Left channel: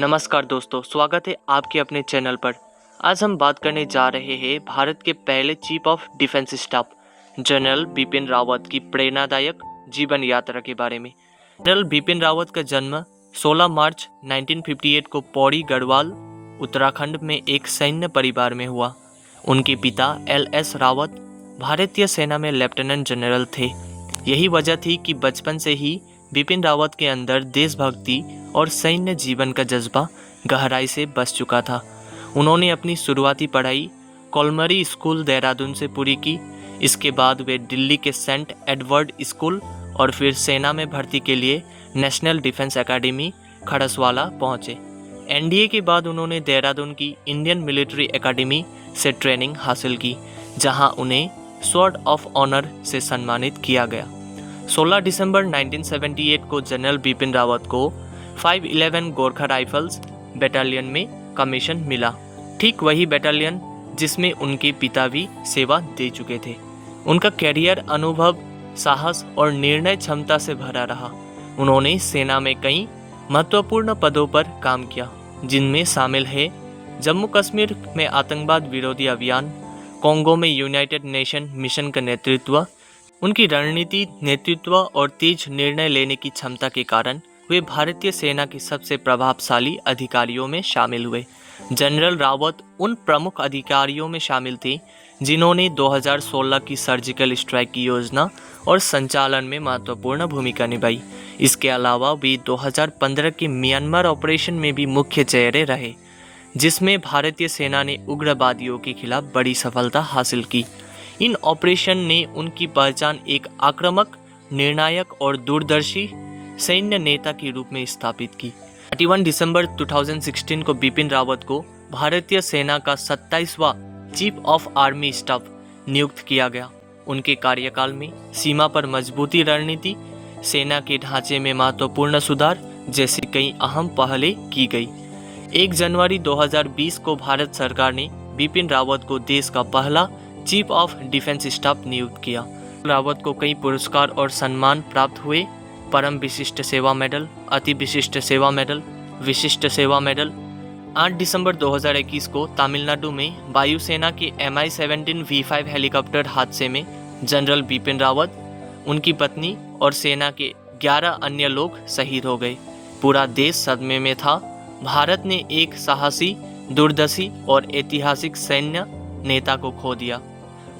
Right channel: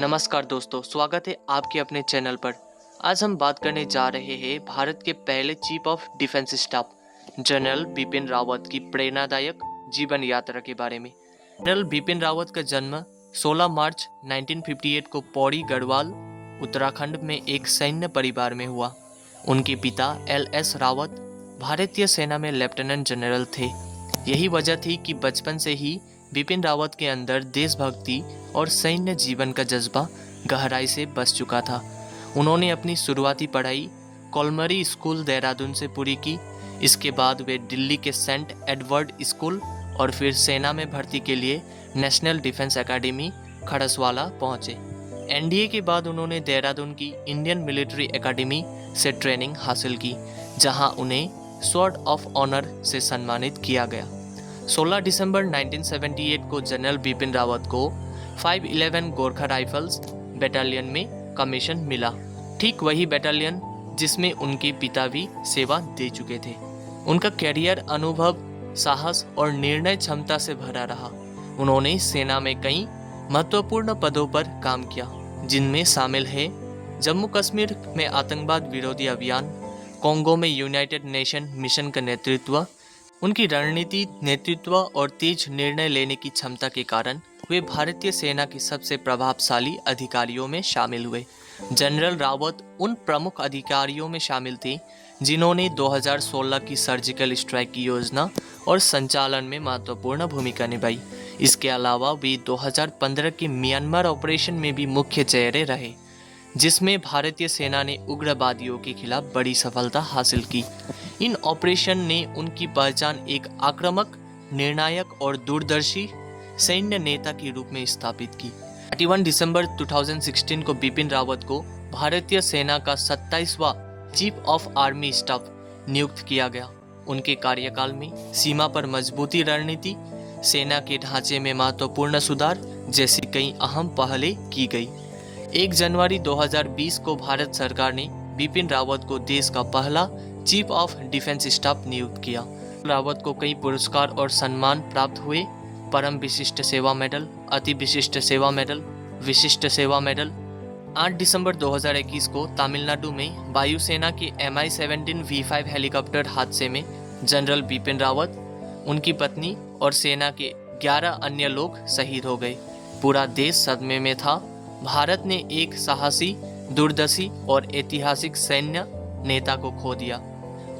नमस्कार दोस्तों, स्वागत है आपके अपने चैनल पर। आज हम बात करने जा रहे हैं भारत के पहले chief of defence staff general Bipin Rawat की प्रेरणादायक जीवन यात्रा के बारे में। जनरल बिपिन रावत का जन्म 16 मार्च 1958 को पौड़ी गढ़वाल उत्तराखंड में एक सैन्य परिवार में हुआ। उनके पिता LS रावत भारतीय सेना में लेफ्टिनेंट जनरल थे। यही वजह थी कि बचपन से ही बिपिन रावत के अंदर देशभक्ति और सैन्य जीवन का जज्बा गहराई से बस चुका था। उन्होंने अपनी शुरुआती पढ़ाई कॉलमरी स्कूल देहरादून से पूरी की। इसके बाद वे दिल्ली के सेंट एडवर्ड स्कूल और फिर सेना में भर्ती के लिए नेशनल डिफेंस एकेडमी खड़सवाला पहुंचे। NDA के बाद उन्होंने देहरादून की इंडियन मिलिट्री एकेडमी से ट्रेनिंग हासिल की, जहां उन्हें स्वॉर्ड ऑफ ऑनर से सम्मानित किया गया। 16 दिसंबर 1978 को जनरल बिपिन रावत को 511 गोरखा राइफल्स बटालियन में कमीशन मिला। ठीक वही बटालियन जिसमें उनके पिता भी सेवा दे चुके थे। उनका कैरियर अनुभव, साहस और निर्णय क्षमता से भरा रहा। उन्होंने सेना में कई महत्वपूर्ण पदों पर काम किया, जिनमें शामिल है जम्मू कश्मीर में आतंकवाद विरोधी अभियान, कोंगो में यूनाइटेड नेशन मिशन का नेतृत्व। उनकी रणनीति, नेतृत्व और तेज निर्णय लेने की क्षमता के कारण वे भारतीय सेना के सबसे प्रभावशाली अधिकारियों में शामिल हुए। जनरल रावत उन प्रमुख अधिकारियों में शामिल थे जिन्होंने 2016 की सर्जिकल स्ट्राइक की योजना और संचालन में महत्वपूर्ण भूमिका निभाई। इसके अलावा वे 2015 के म्यांमार ऑपरेशन में भी मुख्य चेहरे रहे, जिसमें भारतीय सेना ने उग्रवादियों के खिलाफ बड़ी सफलता हासिल की। इन ऑपरेशन ने उनकी पहचान एक आक्रामक, निर्णायक और दूरदर्शी सैन्य नेता के रूप में स्थापित की। 31 दिसंबर 2016 को बिपिन रावत को भारतीय सेना का 27वां चीफ ऑफ आर्मी स्टाफ नियुक्त किया गया। उनके कार्यकाल में सीमा पर मजबूती रणनीति, सेना के ढांचे में महत्वपूर्ण सुधार जैसी कई अहम पहलें की गई। 1 जनवरी 2020 को भारत सरकार ने बिपिन रावत को देश का पहला चीफ ऑफ डिफेंस स्टाफ नियुक्त किया। रावत को कई पुरस्कार और सम्मान प्राप्त हुए। परम विशिष्ट सेवा मेडल, अति विशिष्ट सेवा मेडल, विशिष्ट सेवा मेडल। 8 दिसंबर 2021 को तमिलनाडु में वायुसेना के Mi-17 V5 हेलीकॉप्टर हादसे में जनरल बिपिन रावत, उनकी पत्नी और सेना के 11 अन्य लोग शहीद हो गए। पूरा देश सदमे में था। भारत ने एक साहसी, दूरदर्शी और ऐतिहासिक सैन्य नेता को खो दिया।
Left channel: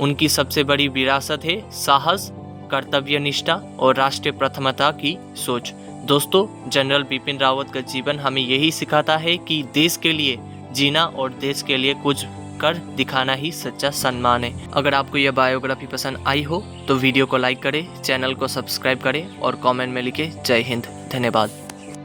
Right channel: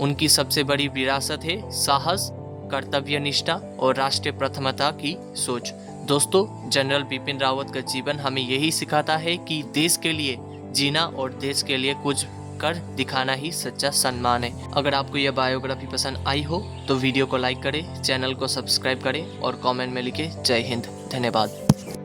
उनकी सबसे बड़ी विरासत है साहस, कर्तव्यनिष्ठा और राष्ट्रीय प्रथमता की सोच। दोस्तों, जनरल बिपिन रावत का जीवन हमें यही सिखाता है कि देश के लिए जीना और देश के लिए कुछ कर दिखाना ही सच्चा सम्मान है। अगर आपको यह बायोग्राफी पसंद आई हो तो वीडियो को लाइक करें, चैनल को सब्सक्राइब करें और कमेंट में लिखें जय हिंद। धन्यवाद।